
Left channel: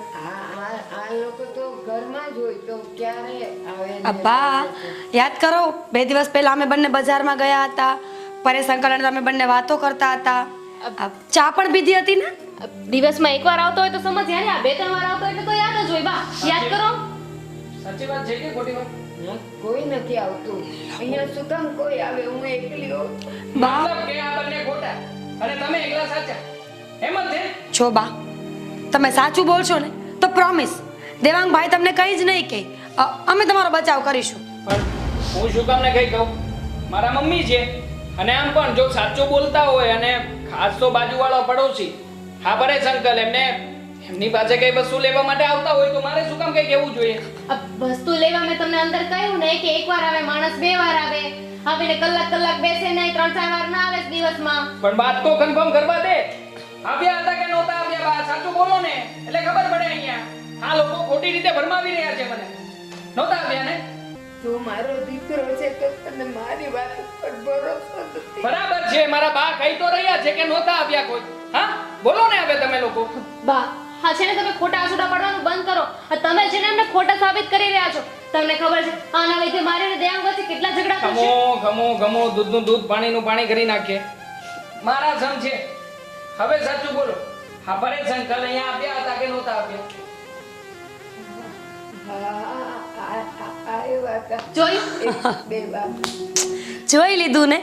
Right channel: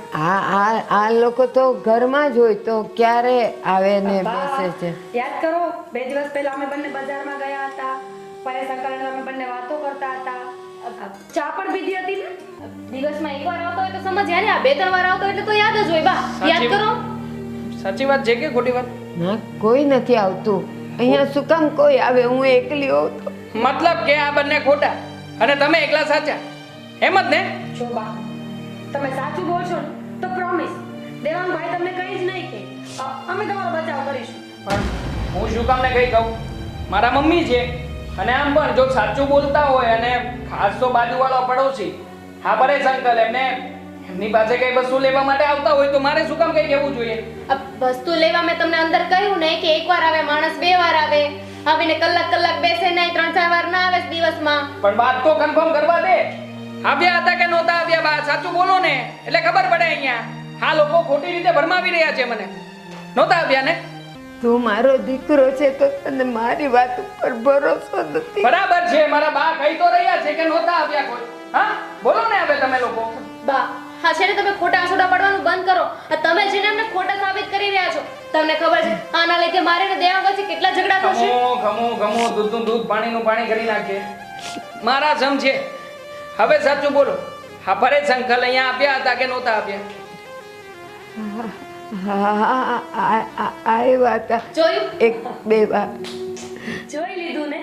આ લોકો તો ઘરમાં જ હોય તો ક્યારે આવે ને અપ્પા, બેસે છે? યાદ કરો 2 દિવસ પહેલા અમે બંને બજારમાં ગયા હતા. પરેશ અંકલ અને અમે બંને વાતો કરતા હતા. ચા પણ પીધી હતી ને. દિવસમાં એકવાર આવતો હોય તો સમજ્યા ને, આ 2-3 વાર આવતો હોય તો યાદ જ હોય બા. યાદ કરો. સાચી વાત છે કે ખોટી વાત? ના, કોઈ નથી આવતું અહીંયા. શું કામ કોઈ આવે? હું એકલી હોઉં તો. મતલબ કે આ બંને ખોટા અને તમે એકલા સાચા, એમ જ ને? છો બા, તમે સાચું બોલશો ને તો પ્રોમિસ દેવાંગભાઈ તમને કંઈ જ નહીં કહે. અમે તમારો બચાવ કરીશું. પણ હું શું કામ ને કઈ કહું? મારા મમ્મી છે અને આમ પણ જો સાચું બોલતા હોય અને ખાસ તો બાજુવાળો પડોશી હા પરેશ અંકલ એમની પાસે કઈ વસ્તુ લેવા માટે આવતા હોય તો મારે શું કામ કઈ કહેવું જોઈએ? વસ્તુ લેવા મેં તમને અંદર કહ્યું ને કે એકવાર આવે માણસ, 2 વાર આવે, આવીને કલાક બેસે નહીં, 3-4 વાર ના આવે દિવસમાં. પણ વાત તો કન્ફર્મ કરવા દે. આવ્યા હતા કે નહોતા આવ્યા? બા સાચું બોલો ને એટલે ખબર પડે. અહીંયા આ લોકો ખોટી રીતે ભરમાવી રહ્યા છે મને. નહોતા આવ્યા ને? તું મારો દીકરો છે તો તને મારી વાત ઉપર ભરોસો નથી. બરાબર છે, મારા બા કહી તો રહ્યા છે કે નહોતા આવ્યા કોઈ. હા બોલો ને હવે તમે લોકો. બા હા છે ને, તમે ખોટા આંસુડા પડવાનું બંધ કરો. આ તમે છે ને એમને ખોટા સાબિત કરી રહ્યા છો. તમને ખબર છે આના લીધે મારે ને દેવાંગ વચ્ચે કેટલા ઝઘડા થશે. ઘમું દૂધનું દૂધ પાણીનું પાણી કરી નાખે. મારા સમ છે. હવે સાચું બોલો, હા પરેશ અંકલ અહીંયા આવ્યા હતા કે નહોતા આવ્યા? આવ્યા હતા. જોયું? 1-2 વાર. જોઈ લીધું ને,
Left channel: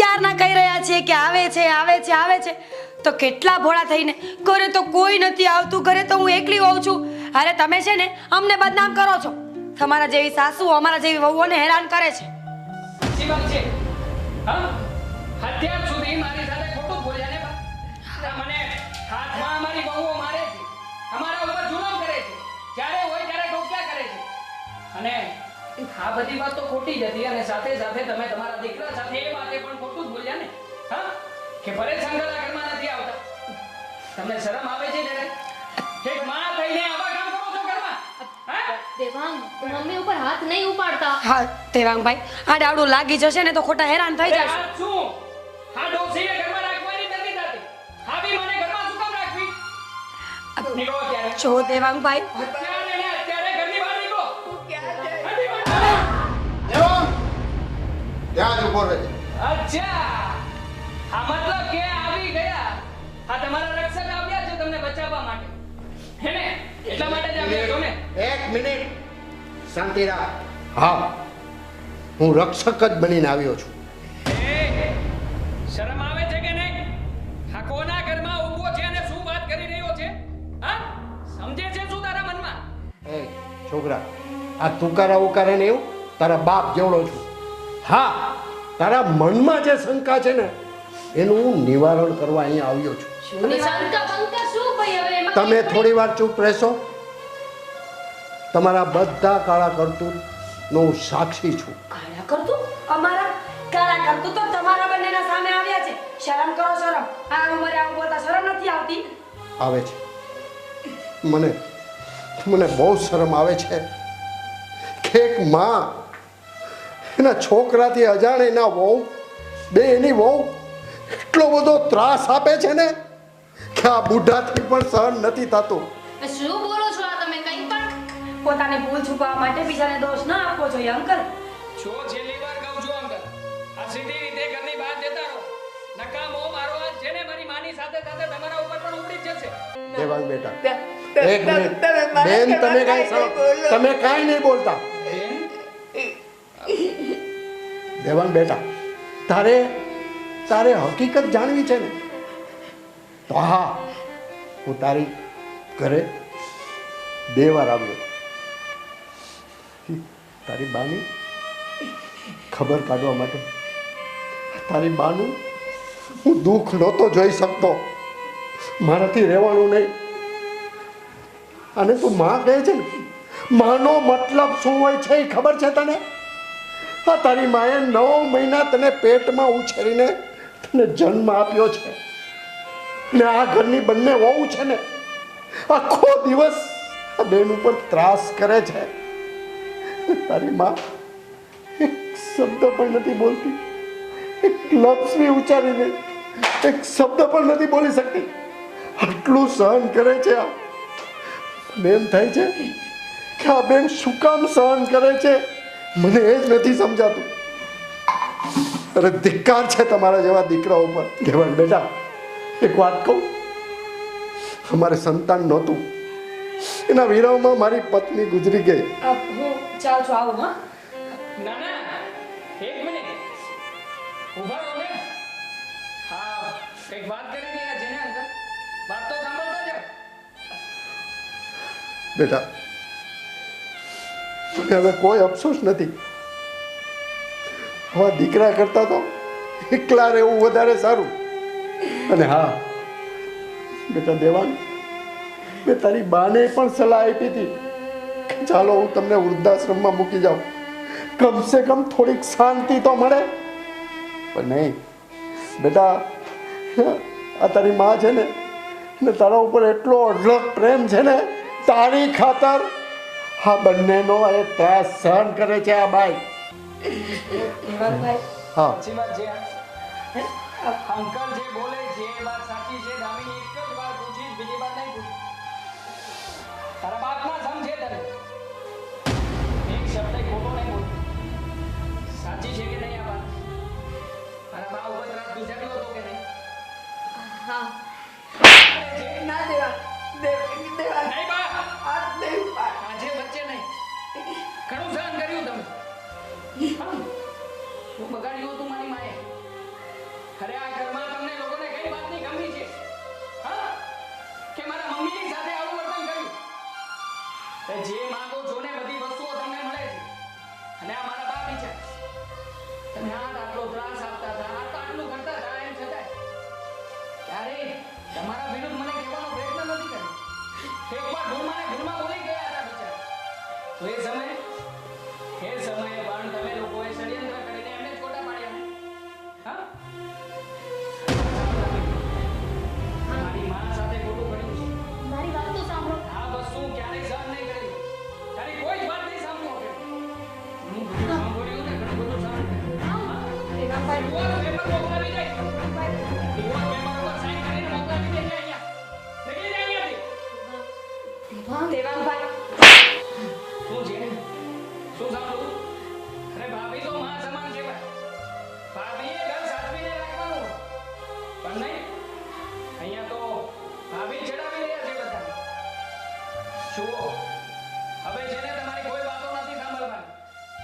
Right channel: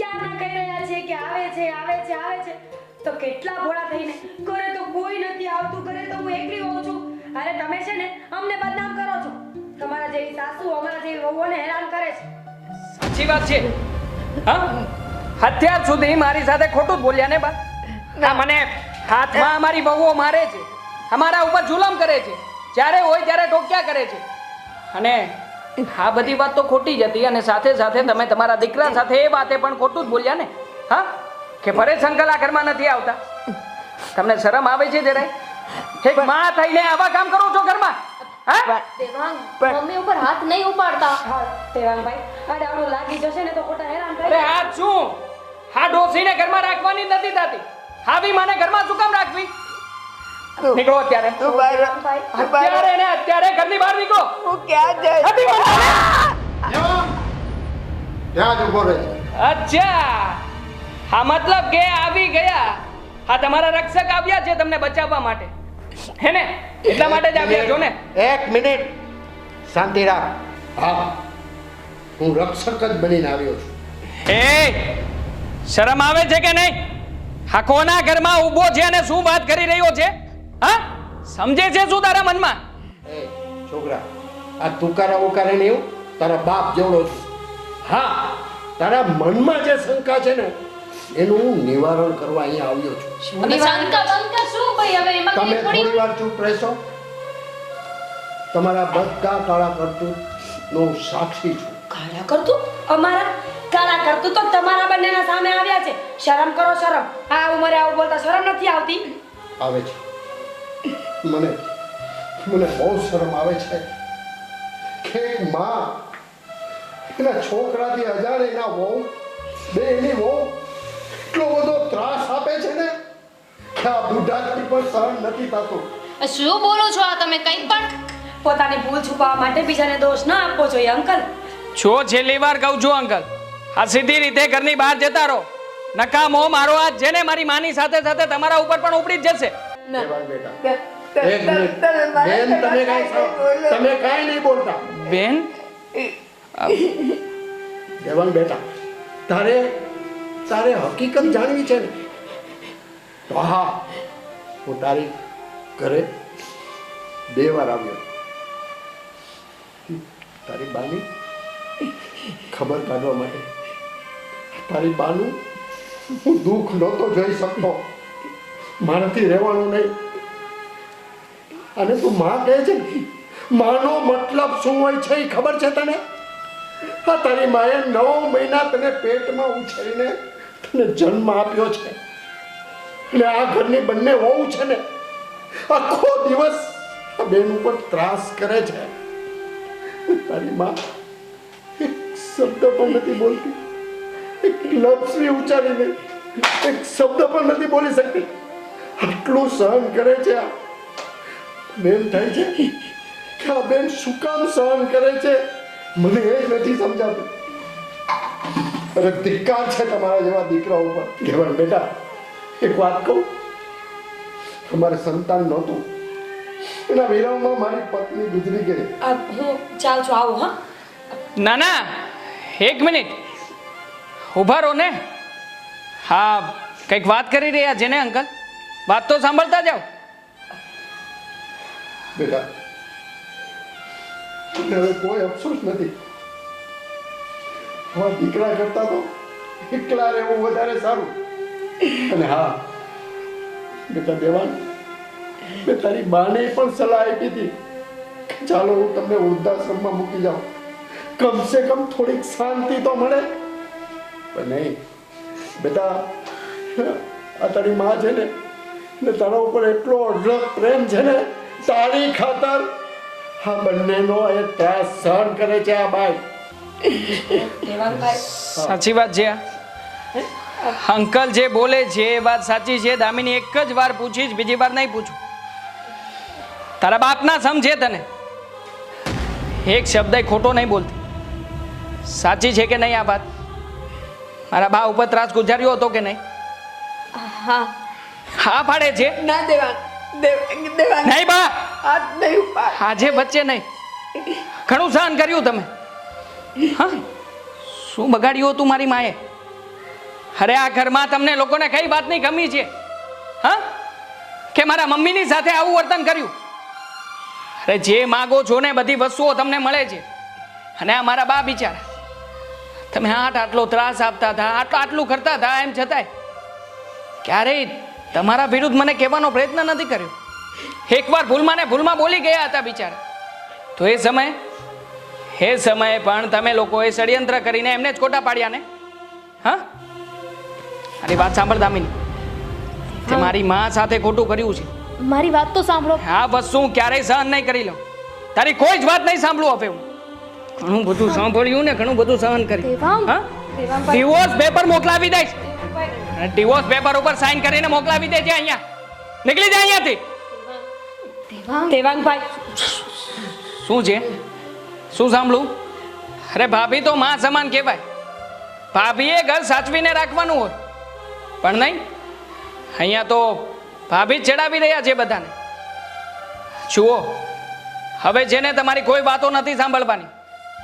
ક્યારના કહી રહ્યા છે કે આવે છે તો કેટલા ભોળા થઈને ઘરે તો કોઈ નથી આવતું, ઘરે તો હું એકલી હોઉં છું. અરે તમે છે ને અમને બદનામ કરો છો. તમારા જેવી સાસુ અમારા જેવી વહુઓને હેરાન કરે છે. સાચી વાત છે. હા અત્યાર સુધી મારી સાથે ખોટું બોલ્યા ને બા? ના, મને હાથમાં અમારી બહુઓ મારે છે, અમારા ઉપર જુલમ કરે છે, જ્યારે હોય ત્યારે ટોક્યા કરે છે. અને આ બધી વાત તો ખોટી જ હતી અને સાથે સાથે તમે તમારા દીકરા સાથે એ વાતે પણ ખોટું જ બોલ્યા ને. હા કે પરેશ અંકલ આ ઘરમાં નથી આવતા. તમને શરમ આવે છે જરાય? એક માં થઈને આવા કામ કરો છો ઘરમાં? હા દેવાંગ મમ્મી ઉપર હાથ નહીં ઉપાડતા. હા દેવાંગભાઈ, આ ડાવડું લાગી જશે ને તો ખોટા હેરાન થઈ અરે જશે. આ શું? આ ડોસીને ઘરમાં રાખવાની જ નથી થતી. આવી માને ઘરમાં શું કામ રાખવી? નીકળો અત્યારે. જો દેવાંગભાઈ, અત્યારે ને અત્યારે ઘરની બહાર નીકળો. હું ક્યાં જઈશ? ઘરની બહાર. ત્યાં જ ઉભો રહે. અચ્છા, હા મતલબ કે આવી ગયા. આ તમારા રક્ષક આવ્યા છે તમને બચાવવા માટે, હે ને? એટલા માટે જ આવ્યા છો ને? 1 મિનિટ શાંતિ રાખ. હા, હું રક્ષક જ બનીને આવ્યો છું. એ શરમ આવે છે કે નહીં? આ કોના ઘરમાં ઊભો છે અને શું વાત કરી રહ્યો છે? હા સમજે છે શું તારા મનમાં? એ છોકરા, આ તુકારા ઉકારા ને એવું તારા બાપ જેવડો છું. હા, તારા મનમાં જે શંકા છે ને એનું હું નિવારણ કરવા અહીંયા આવ્યો છું. હવે શંકા શું ભાઈ? હવે એમાં તમે કંઈ થોડી વાર ચૂપ રહેશો? તમારા બધા કાળા કરતૂતનો હું સાક્ષી છું. કાળા કરતું અમારા કાળા કરતું તો તમારા બંનેના સામે આવ્યા છે. શરમ કરો, શરમ. આ ઉંમરે આવું બોલતા શરમ નથી આવતી? આવે છે. મને બહુ શરમ આવે છે કે એક માં એના છોકરાથી અજાણ એના વહુ બે એની વહુ એટલો બધો ત્રાસ આપે છે ને કે આ બુઢાથી પણ સહન નથી થતું. શું બોલો છો આ તમે? કંઈ પણ પોતાની ભૂલ છુપાવવા માટે બીજાને દોષ ન આપવો જોઈએ અંકલ. જો છેલ્લી વાર કહું છું અંકલ, આ સીધી રીતે ઘરની બહાર જતા રહો. નકામો મારો હાથ જેને મારી માની સાથે સાથે તમારા ઉપર પણ ઉપડી જ જશે. દેવાંગ બેટા, એક મિનિટ. બેન, તમે કાંઈ નહીં બોલતા. બેન, દેવાંગ બેટા, તારે હકીકત જાણવી છે ને? હા, હું તારી ઘરે 2 વાર આવ્યો. તારી બાની ખબર કાઢવા માટે. તારી બાનું હું દુઃખ નહોતો જોઈ શકતો. મારાથી રહેવાનું નહીં. અને તું માં કહે છે ને, માનો મતલબ શું હોય છે એ ખબર છે તને? હા, તારી માએ 9 મહિના તને પેટમાં ઉછેરીને તને જન્મ આપ્યો છે અને આ ઘરની બંને વહુ છે ને આખો દિવસ આ બેન ઉપર ત્રાસ કરે છે. તારી માં એક શબ્દ પણ નથી બોલતી, એક લફ્ઝ ઉચ્ચારીને એક શબ્દ પણ નથી બોલી શકતી. આટલું સહન કરે છે. આ બેન થાય છે કે આ બેન શું કામ સહન કરે છે મને એ જ નથી સમજાતું. અરે ધિક્કાર છે તમારા જેવા દીકરા ઉપર. કહેવાય બેટા એક વાત કહું, અમારે સંતાન નહોતું, એના વિરહમાં મારી પત્ની ગુજરી ગઈ. હું ચાલ છું આવું. હા ના ના, એક મિનિટ ઊભા રહો ને. હા, કંઈક વાત કરી રહ્યા છે ને અંકલ? વાત તો સાંભળતા જાઓ. બેટા હવે કોઈ અફસોસ નથી. હા, દીકરા કરતા તો એકલા રહેવું વધારે સારું. અને હા બેટા દેવાંગ, મેં તારી બાને પણ સલાહ આપી હતી ચાલો હું તમને વૃદ્ધાશ્રમમાં મૂકી જાઉં, કમસે કમ થોડીક શાંતિ તો મળે. પણ નહીં બેટા, આ તારી માં છે ને તારા ઉપર એટલો અઢળક પ્રેમ છે ને, તારી ખાતર આ બંનેનો એ ત્રાસ સહન કરે છે આ બાઈ. સાચી વાત છે. અંકલ જે બોલે છે એ વાત સાચી છે. દામિની એક જ વાર પૂછીશ, બીજી વાર નહીં પૂછું. તારા બાપના સમ છે તને, એક શબ્દ ખોટો નહીં બોલતી. સાચી છે કે નહીં આ વાત? મારા બા ઉપર ત્રાસ ગુજાર્યો હતો કે નહીં? હા હા પાડે છે. ના દેવાંગ, દેવાંગ, દેવાંગ, નહીં બા, હાથ નહીં ઉપાડ. આજે વચ્ચે નહીં. ઘણું સહન કર્યું તમે. હા, શું બગાડ્યું હતું મારી માએ? અરે આ ઘરમાં તમને લોકોને કઈ વાતની કમી છે? હા, કે મારા મમ્મીની સાથે આવું વર્તન કર્યું? અરે જે માગો છો ને બધી વસ્તુઓ તમને મળે છે. અને આ મારા બા બિચારા, તમે આટલો ત્રાસ આપતા હતા, આટલું કરતા હતા, એમ છતાંય ક્યારેય તમારા વિરુદ્ધ મને કહેવાનો પ્રયત્ન નથી કર્યો. એકવાર ભૂલમાં ને ભૂલમાં બોલી ગયા હતા બિચારા. તો એ સમયે પણ તમે લોકોએ ષડયંત્ર કરીને એમને જ ખોટા પાડ્યા ને. હા, આની વાત સાંભળ દામિની, તે મારી માં સાથે ખોટું કર્યું છે. મારી વાત તો સાંભળો. આ વસ્તુ હું ક્યારેય સહન નહીં કરી લઉં. તારી કોઈ જ વાત નહીં સાંભળું હવે હું. ઘણું બધું સાંભળ્યું ને ઘણું બધું સહન કર્યું. દેવાંગ, હા, દેવાંગભાઈ. ડિવોર્સ પેપર મોકલાવી દઈશ. ડિવોર્સ પેપર ઉપર સાઈન કરીને મોકલાવી દેજે. અહીંયા નીકળી જા અહીંયાથી. દેવાંગભાઈ, શું છે? શું સાંભળું? અરે ભાભી તો માં સમાન કહેવાય. ભાભીએ ઘર સાચવીને રાખવાનું હોય, પણ નહીં. અહીંયા તો ભાભી જ ચડાવી રહ્યા છે બધાને. જુઓ, હવે છે ને તમારી કોઈ વાતો નથી સાંભળવાની.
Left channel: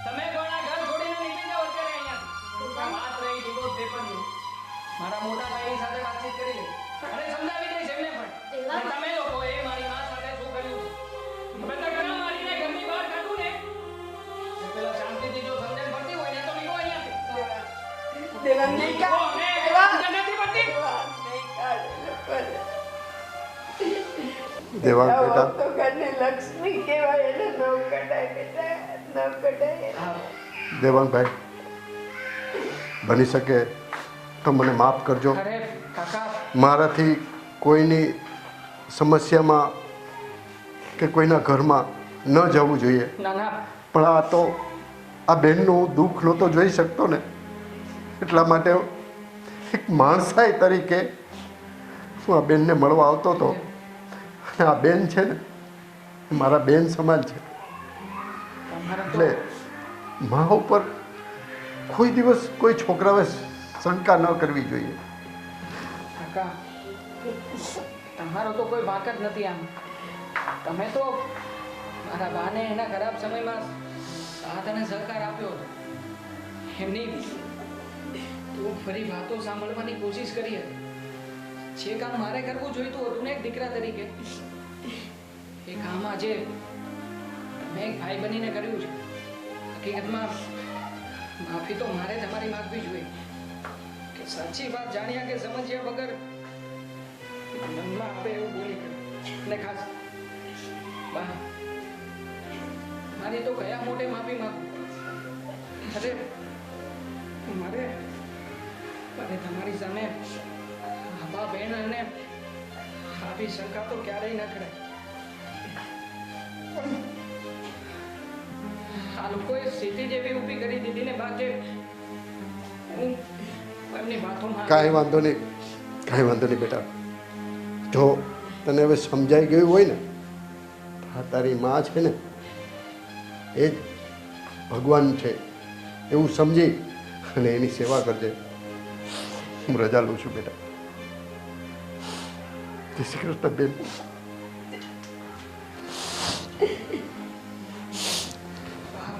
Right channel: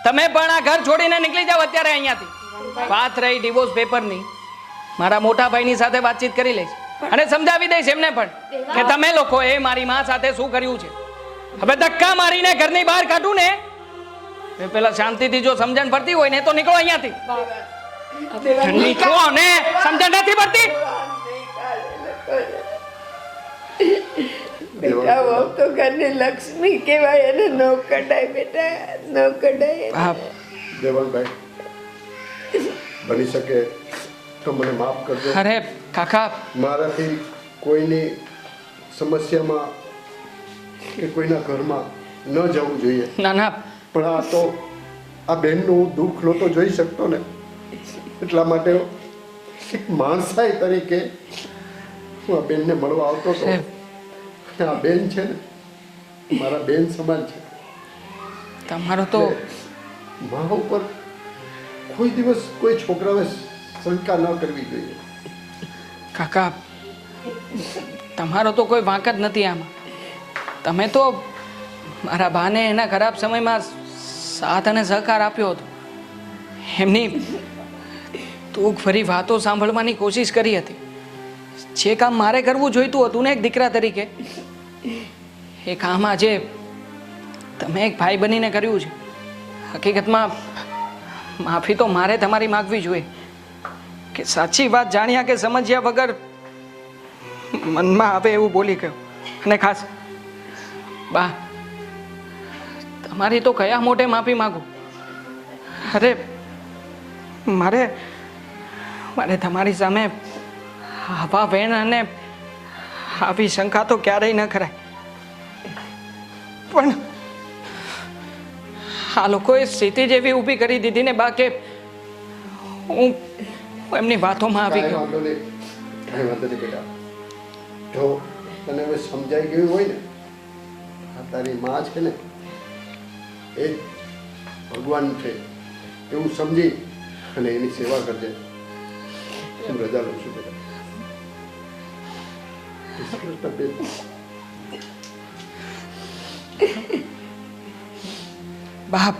તમે પણ આ ઘર છોડીને નીકળી જાઓ અત્યારે અહીંયાથી. વાત રહી ડિવોર્સ પેપરની, મારા મોટા ભાઈની સાથે વાતચીત કરી લઈશ અને સમજાવી દઈશ એમને પણ કે તમે લોકોએ મારી માં સાથે શું કર્યું છે. હવે ધક્કા મારીને ઘરની બહાર કાઢું ને એ પેલા શાંતિથી જો સમજણ પડતી હોય ને તો નીકળો અહીંયાથી. નીકળો ને, સમજણ નથી પડતી? દેવાંગ બેટા, બેટા, વહુ તો ઘરની લક્ષ્મી કહેવાય, એને ન કઢાય બેટા, ન કઢાય. હા, દેવાંગભાઈ, બની શકે તો મને માફ કરજો. અરે કાકા, મારાથી કોઈની સમસ્યામાં કે કોઈના ઘરમાં ન જવું જોઈએ, ના ના, પણ આ તો આ બહેનનું દુઃખ નહોતો જોઈ શકતો ને, એટલા માટે એક માણસાઈ તરીકે હું આ બેનને મળવા આવતો હતો. આ બેન છે ને મારા બેન સમાન છે. તમારો તો મા ઉપર કોઈ દિવસ કોઈ છોકરાએ શંકા ન કરવી જોઈએ. કાકા, તમારો તો કોઈ વાંક જ નથી આમાં. તમે તો મારા બાને એના ખરાબ સમયમાં સાથ અને સહકાર આપ્યો હતો. એમની દુઃખ ભરી વાતો સાંભળવાની કોશિશ કરી હતી. જે કામ મારે કરવું જોઈતું હતું ને એક દીકરા તરીકે, એ કામ આજે તમે એક ભાઈ બનીને કર્યું છે. હકીકતમાં માફી તો મારે તમારી માગવી જોઈએ કે સાચી વાત જાણ્યા કે સમજ્યા વગર મનમાં આવે એવું બોલી ગયો. અને ખાસ બા, તમારી તો કયા મોઢે માફી માંગુ? અરે મારે મારે તમારી સામે આવા વેણ અને આવી શંકા તો ક્યારેય ન કરાય, પણ આ લોકોએ સ્થિતિ જેવી ઊભી કરી દીધી ને બાકી હું એમની વાતોમાં આવી કાંઈ વાંધો નહીં, કાંઈ વાંધો નહીં બેટા. જો તને હવે સમજાઈ ગયું હોય ને, આ તારી માં છે ને એ જ ભગવાન છે એવું સમજી અને એની સેવા કરજે. હું રજા લઉં છું બેટા. જય શ્રી કૃષ્ણ બેન. બાપ